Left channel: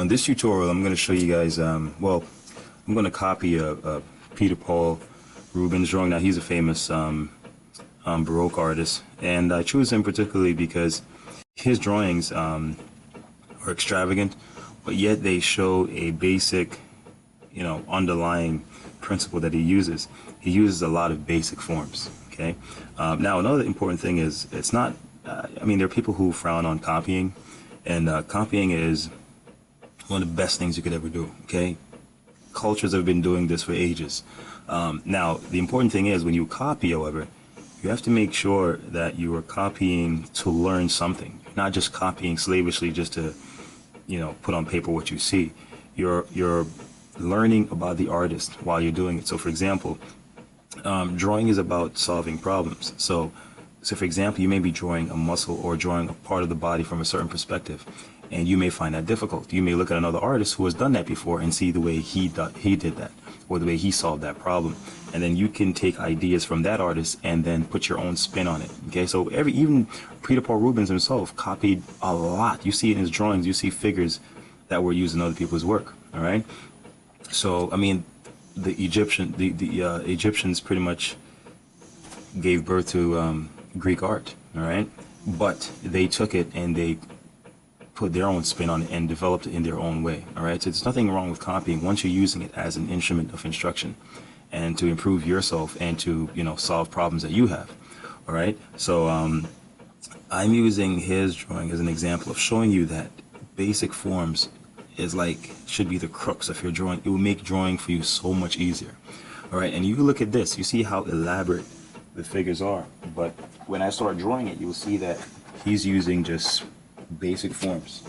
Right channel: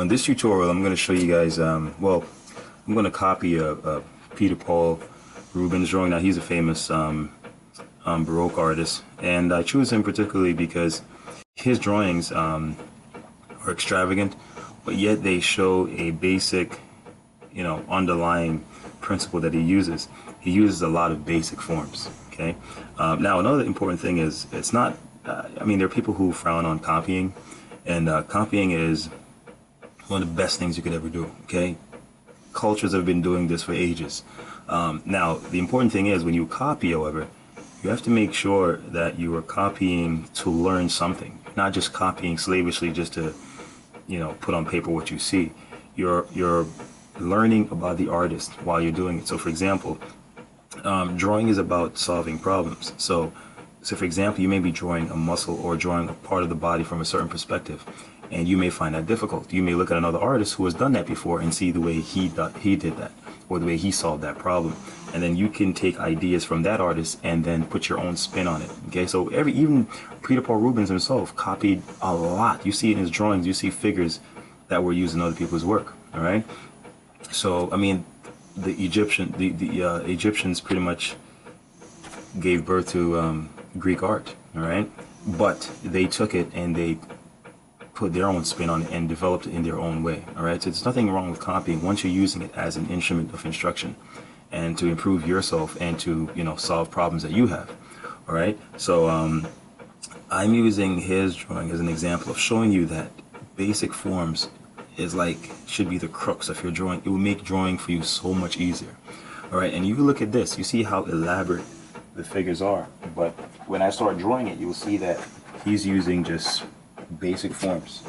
This tutorial I'm going to show you guys, well, I'm going to copy a Peter Paul Rubens drawing. Now he's a famous Baroque artist, and I chose him particularly because his drawings are extravagant, but yet they show a basic, underlying principle that he uses. He uses a lot of basic forms, okay? Now another important thing is, it's not, there are people who frown on copying, and copying is one of the best things you could ever do, okay? Cultures have been doing this for ages. Now, the important thing is, when you copy, however, you have to make sure that you are copying to learn something, not just copying slavishly just to, put on paper what you see. You're learning about the artist while you're doing it. So, for example, drawing is about solving problems. So for example, you may be drawing a muscle or drawing a part of the body from a certain perspective, and you may find that difficult. You may look at another artist who has done that before and see the way he did that, or the way he solved that problem, and then you can take ideas from that artist and then put your own spin on it. Okay, so even Peter Paul Rubens himself copied a lot. You see in his drawings, you see figures that were used in other people's work. All right, so the Egyptians pretty much gave birth to Greek art, all right? But they took it and they put their own spin on it and developed it in their own way, all right? So there's nothing wrong with copying once you're using it as an instrument of instruction and to improve yourself and to, solve problems that you have, all right? So I'm using his drawing as an example of showing you that basic forms should be the crux of your drawing. It will make drawing for you so much easier, all right? And you look at this, you see how elaborate the figures are, but when I start drawing it, you'll see that he's using just basic forms,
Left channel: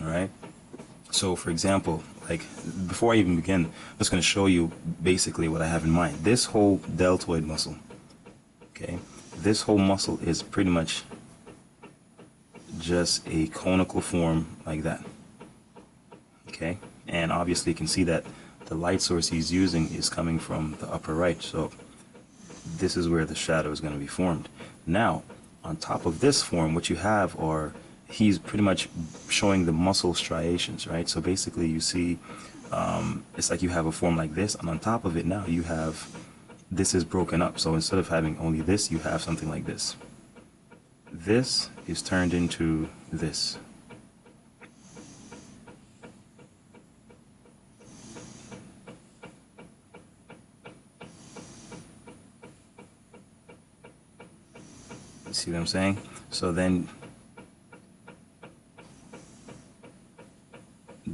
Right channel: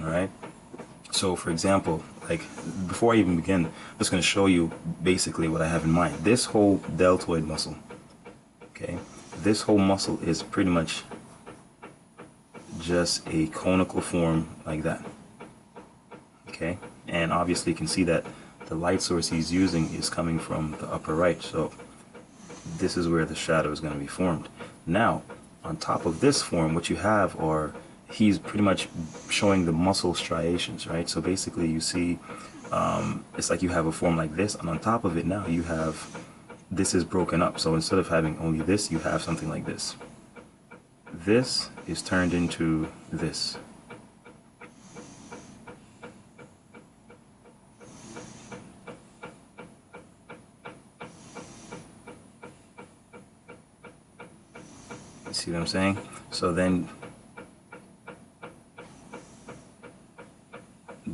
all right? So for example, before I even begin, I'm just going to show you basically what I have in mind. This whole deltoid muscle, okay, this whole muscle is pretty much just a conical form like that, okay? And obviously you can see that the light source he's using is coming from the upper right, so this is where the shadow is going to be formed. Now, on top of this form, what you have he's pretty much showing the muscle striations, right? So basically you see, it's like you have a form like this, and on top of it now you have, this is broken up. So instead of having only this, you have something like this. This is turned into this. You see what I'm saying? So then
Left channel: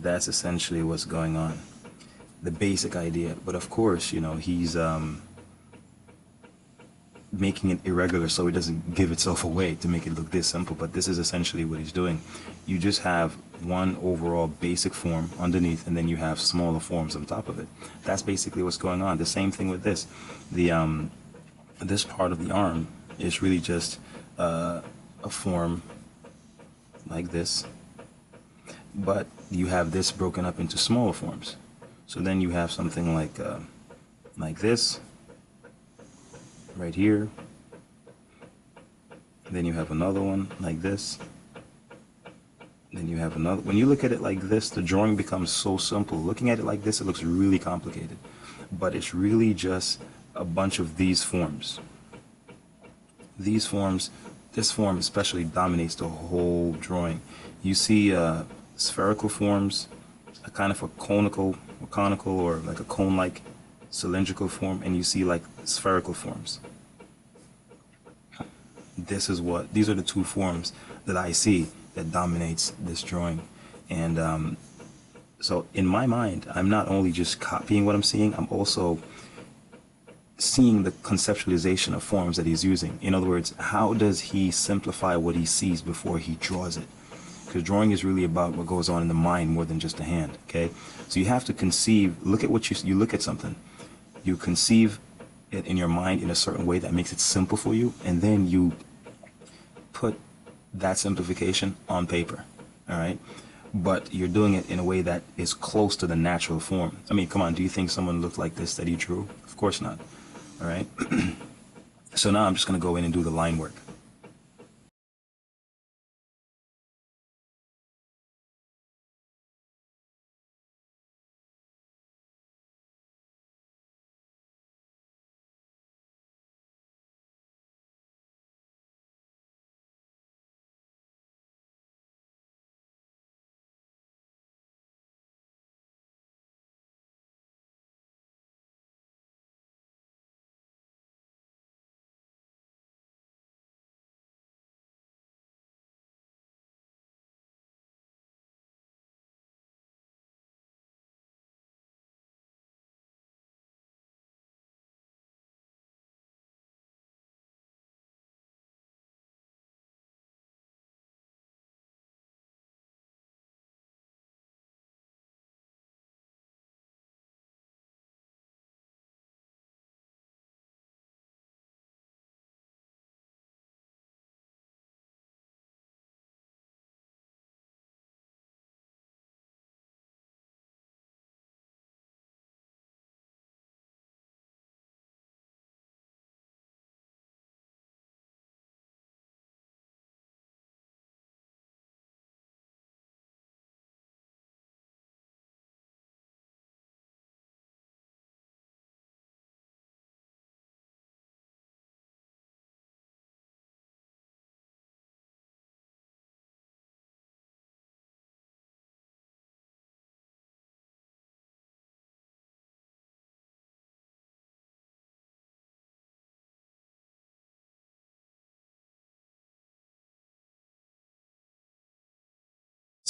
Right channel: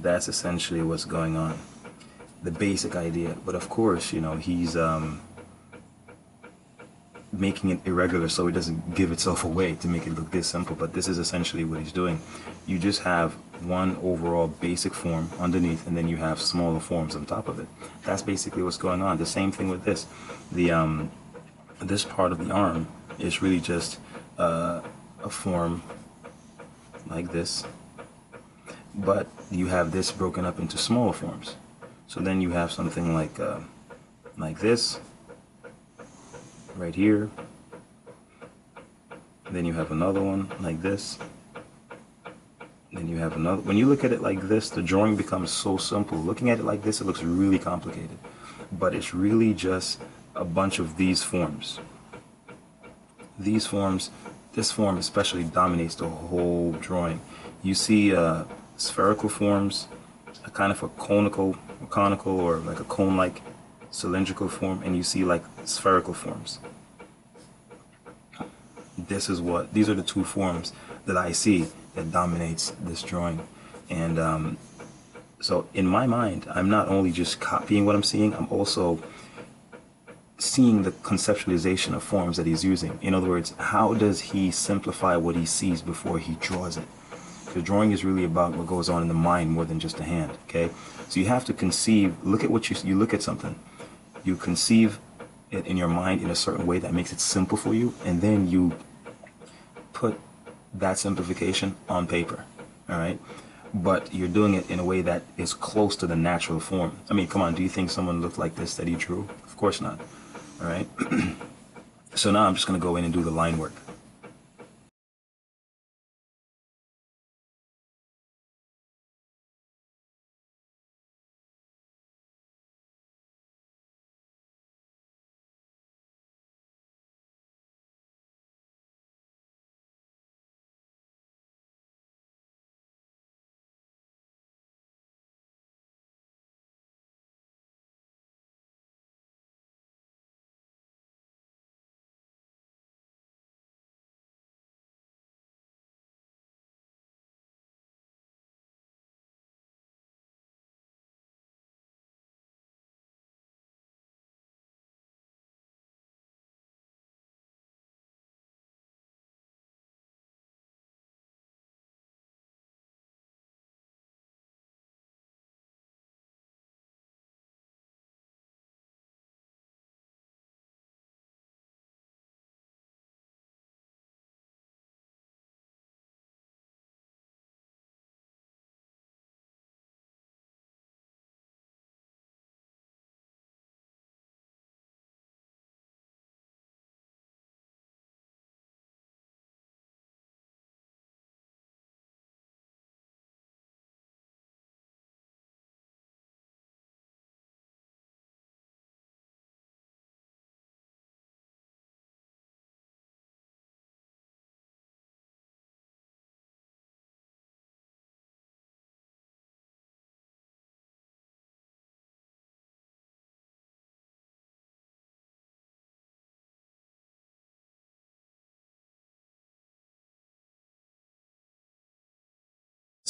that's essentially what's going on, the basic idea. But of course, he's making it irregular so it doesn't give itself away to make it look this simple. But this is essentially what he's doing. You just have one overall basic form underneath, and then you have smaller forms on top of it. That's basically what's going on. The same thing with this. This part of the arm is really just a form like this, but you have this broken up into smaller forms. So then you have something like this right here. Then you have another one like this. Then you have another. When you look at it like this, the drawing becomes so simple. Looking at it like this, it looks really complicated, but it's really just a bunch of these forms. These forms, this form especially dominates the whole drawing. You see spherical forms, a kind of a conical or like a cone-like cylindrical form, and you see like spherical forms. These are the two forms that I see that dominates this drawing. And so in my mind, I'm not only just copying what I'm seeing, I'm also seeing the conceptualization of forms that he's using. In other words, how does he simplify what he sees before he draws it? Because drawing is really about what goes on in the mind more than just the hand, okay? So you have to conceive, look at what you look at something, you conceive it in your mind in a certain way that makes it simple for you, and then you put that simplification on paper, all right? But you're doing it in a way that is close to the natural form. Come on, do you think someone looked like this that he drew? Of course not, all right? So now I'm just gonna go in and do the line work.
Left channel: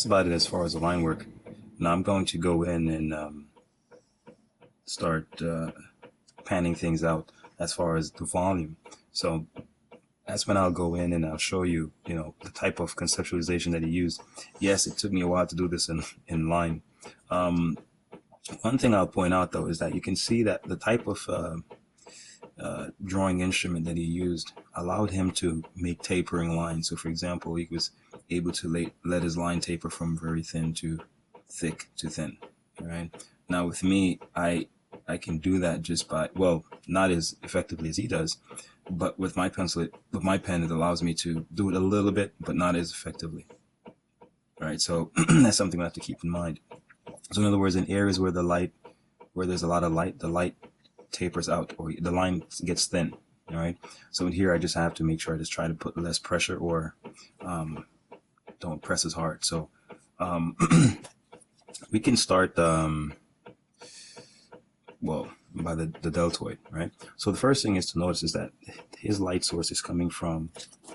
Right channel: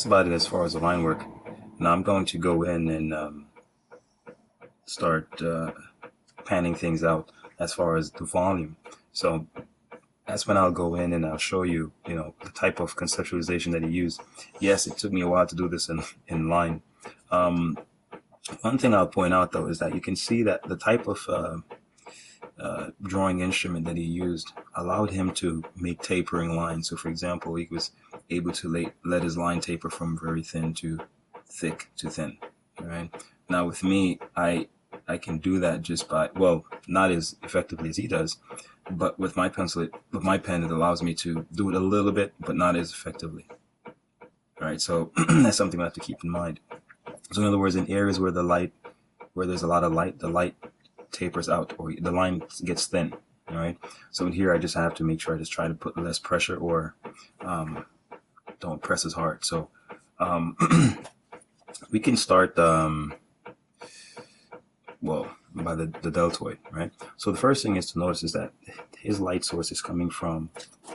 that's about it as far as the line work. Now I'm going to go in and start panning things out as far as the volume. So that's when I'll go in and I'll show you, the type of conceptualization that he used. Yes, it took me a while to do this in line. One thing I'll point out though is that you can see that the type of drawing instrument that he used allowed him to make tapering lines. So for example, he was able to let his line taper from very thin to thick to thin. All right. Now with me, I can do that just by, well, not as effectively as he does, but with my pen, it allows me to do it a little bit, but not as effectively. All right. So that's something I have to keep in mind. So in other words, in areas where there's a lot of light, the light tapers out or the line gets thin. All right. So in here, I just have to make sure I just try to put less pressure or don't press as hard. So we can start, by the deltoid, right? So the first thing is to notice is that his light source is coming from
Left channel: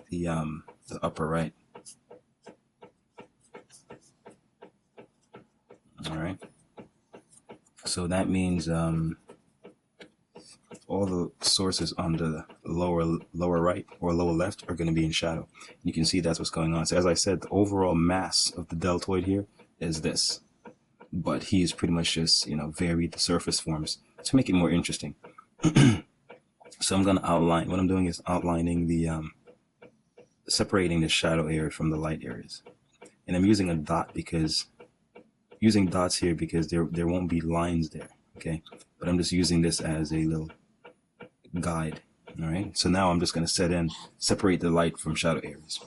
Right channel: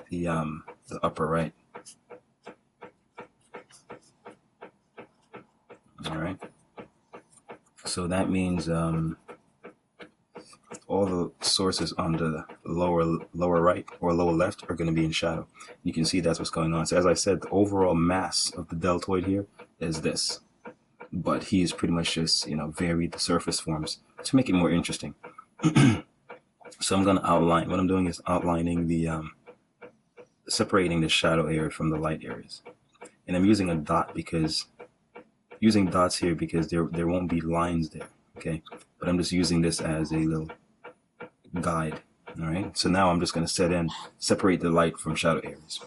the upper right. All right. So that means all the sources on the lower right or lower left are going to be in shadow. You can see that's what's going on. So as I said, the overall mass of the deltoid here is this, but he's pretty much just varied the surface forms to make it more interesting. So I'm going to outline. What I'm doing is outlining the separating the shadow areas from the light areas, and I'm using a dot using dots here because there won't be lines there. Okay, but I'm just using this as a little guide. All right, so now I'm just going to separate the light from shadow areas.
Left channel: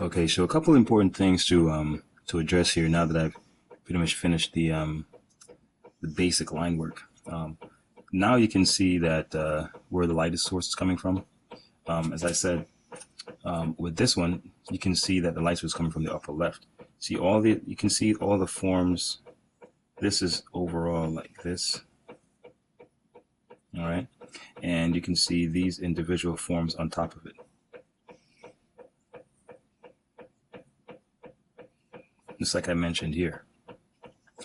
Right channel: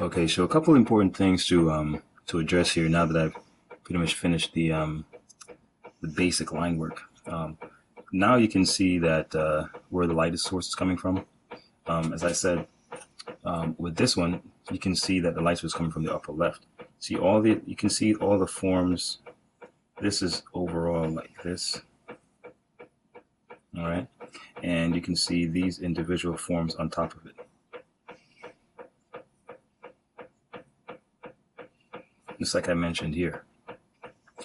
Okay, so a couple important things to address here now that I've pretty much finished the basic line work. Now you can see that where the light source is coming from. As I said, with this one, you can see that the light source is coming from the upper left. See you can see all the forms. This is overall like this. All right, and you can see these individual forms on top of it. just like I mentioned here.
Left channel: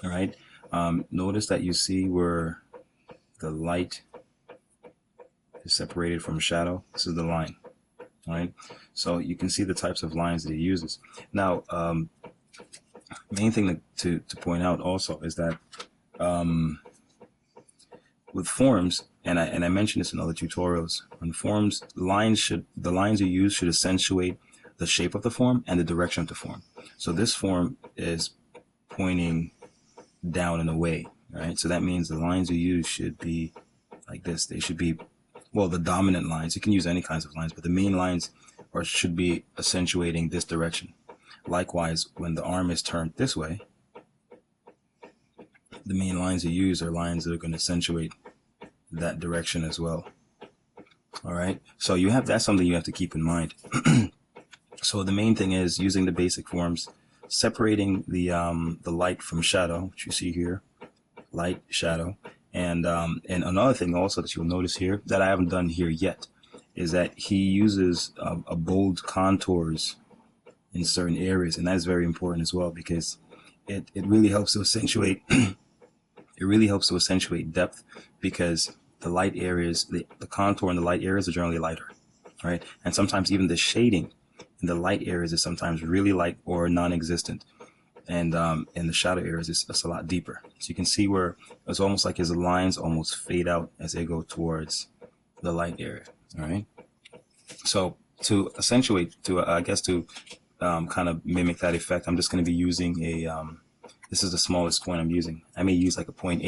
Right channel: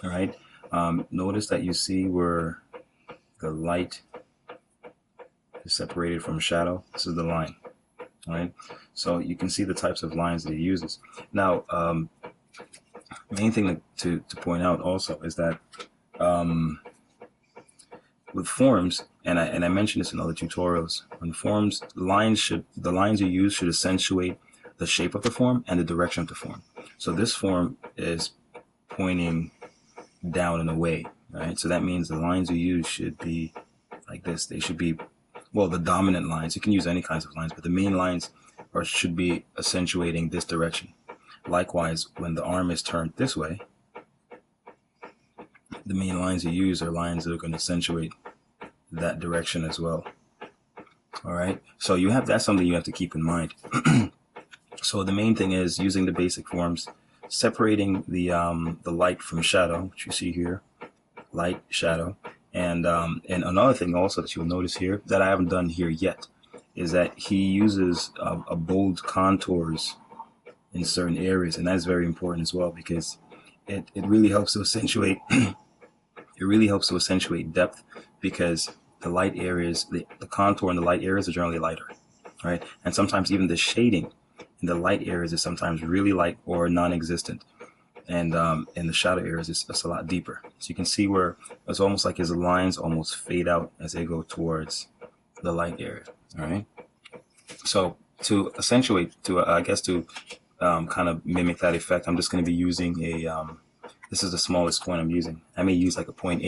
All right. Notice that you see where the light is separated from shadow. This is the line. All right. So you can see the types of lines that he uses. Now, main thing to point out also is that with forms, and I mentioned this in other tutorials, on forms, the lines you use should accentuate the shape of the form and the direction of the form. So this form is pointing down and away, right? So that means the lines you use should be like this. They should be, well, the dominant lines. You can use any kinds of lines, but the main lines should be accentuating this direction. Likewise, when the arm is turned this way, the main lines you use are lines that are going to accentuate that direction as well. All right. So that's something you have to keep in mind. So the main thing is using the basic forms, separating the light from shadow, which you see here, light, shadow, and another thing also that you'll notice here that I haven't done here yet is that he uses a bold contours in certain areas, and that's very important as well because it really helps to accentuate depth because the light areas, the contour in the light areas are generally lighter, right? And sometimes even the shading in the light areas is sometimes really light or non-existent, and in the shadow areas it's a lot deeper. So you can see where it's almost like his lines almost fade out as they go towards the light area. All right. So to accentuate, to kind of mimic that effect, I'm just going to be using this is the smallest point I'm using. I may use like a 0.8,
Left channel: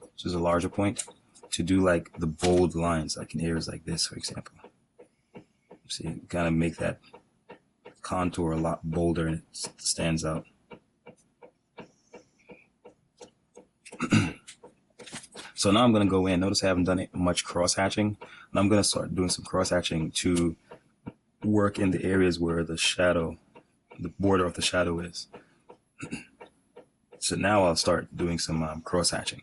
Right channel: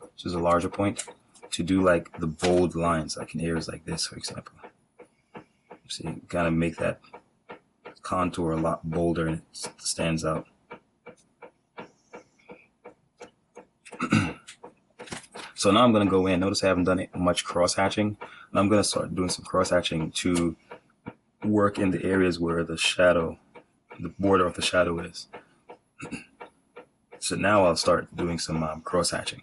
which is a larger point, to do like the bold lines, like in areas like this, for example. See, kind of make that contour a lot bolder, it stands out. So now I'm going to go in. Notice I haven't done much cross-hatching. And I'm going to start doing some cross-hatching to work in the areas where the border of the shadow is. So now I'll start doing some cross-hatching.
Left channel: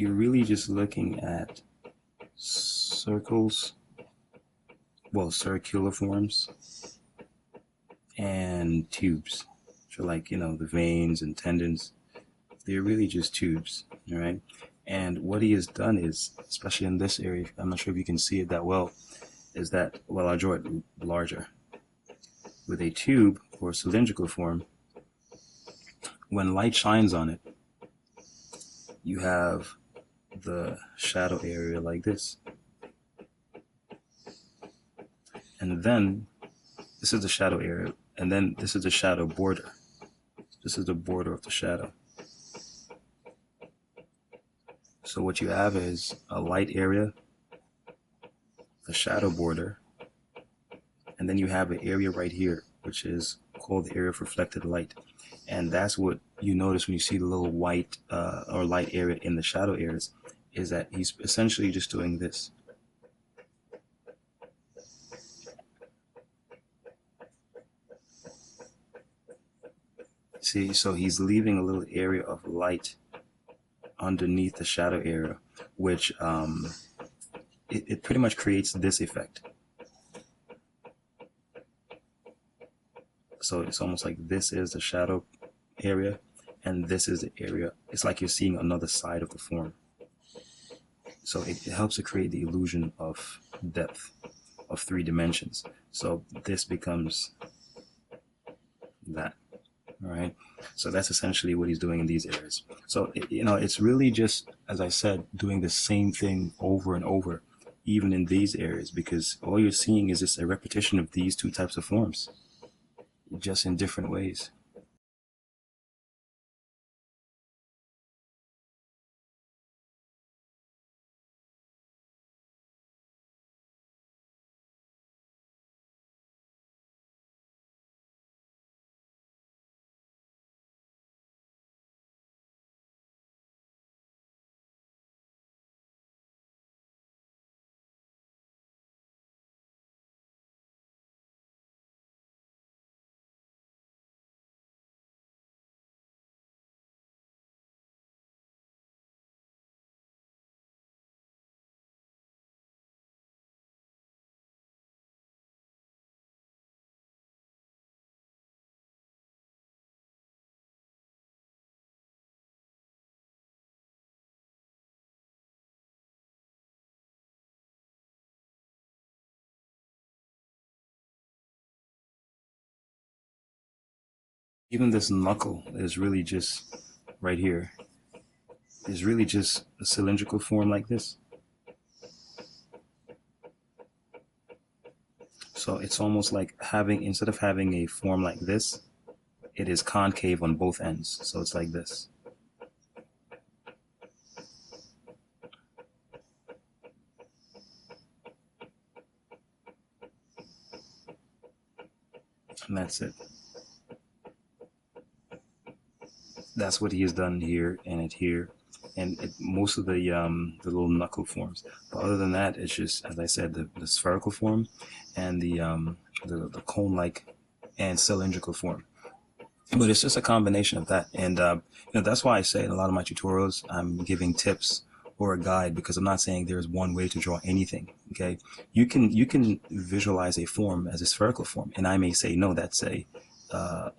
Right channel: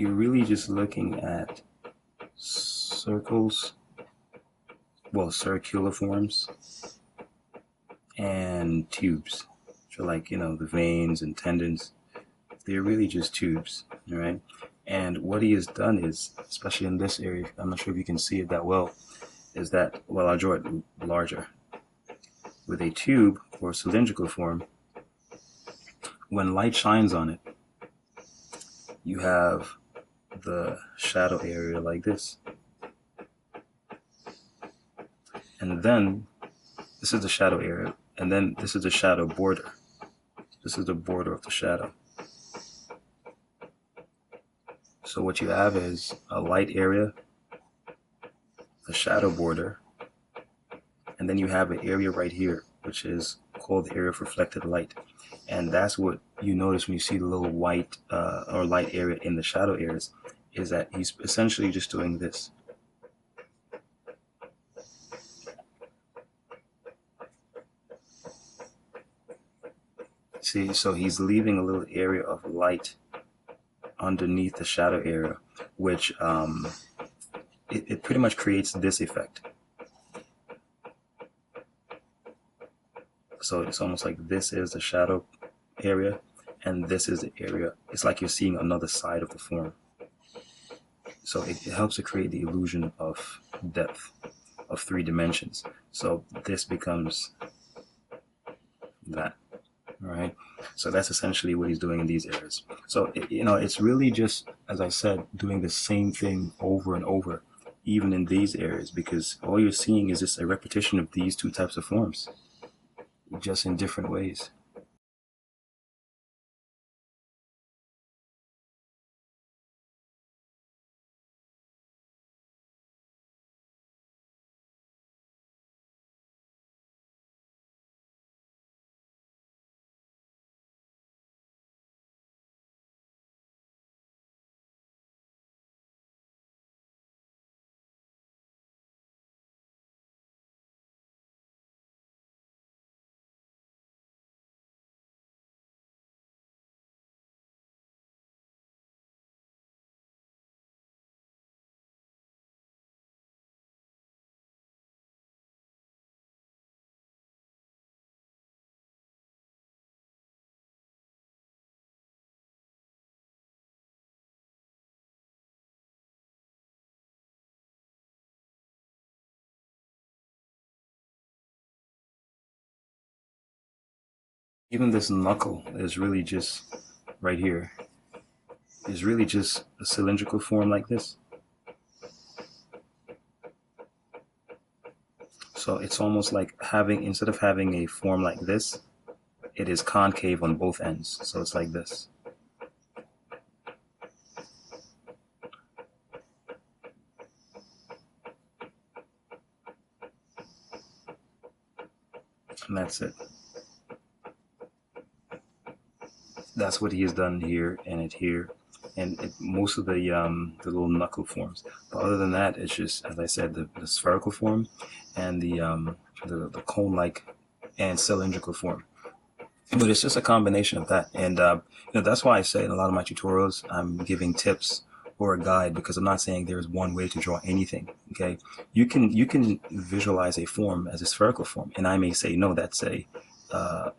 you're really just looking at circles, well, circular forms and tubes. So like, you know, the veins and tendons, they're really just tubes, all right? And what he has done is, especially in this area, I'm not sure if you can see it that well, is that, well, I'll draw it larger. With a tube or cylindrical form, when light shines on it, you have the shadow area like this. And then this is the shadow area. And then this is the shadow border. This is the border of the shadow. So what you have is a light area, a shadow border, and then you have an area right here, which is called the area of reflected light. And that's what you notice when you see the little white or light area in the shadow areas, is that he's essentially just doing this. See, so he's leaving a little area of light underneath the shadow area, which it pretty much creates this effect. So it's almost like this is the shadow area, and this is the area. It's like you're seeing another side of the form. So it helps to create the illusion of depth, of 3 dimensions. So this becomes that. All right. So that's essentially what he's doing in these areas. So, you know, it's really just, as I said, doing the same thing over and over, even in these areas, because all you're seeing is just a repetition of these 2 types of forms, just in different ways. Even this knuckle is really just right here, is really just a cylindrical form like this. So it's almost like having, instead of having a form like this, it is concave on both ends. So it's like this. And that's it. That's what he has done here and here, and most of the little knuckle forms. But other than that, it's just, as I said, the spherical form and the cone-like and cylindrical form. But it's just a combination of that, and you know, that's why I say in a lot of my tutorials I'm giving tips or a guide, because I'm not saying there's one way to draw anything. Okay, you can visualize a form as a spherical form, and I may say no, that's a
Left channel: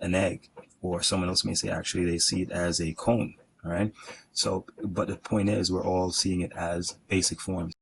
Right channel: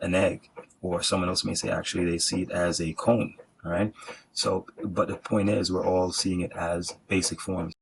an egg, or someone else may say actually they see it as a cone. All right, so but the point is we're all seeing it as basic forms.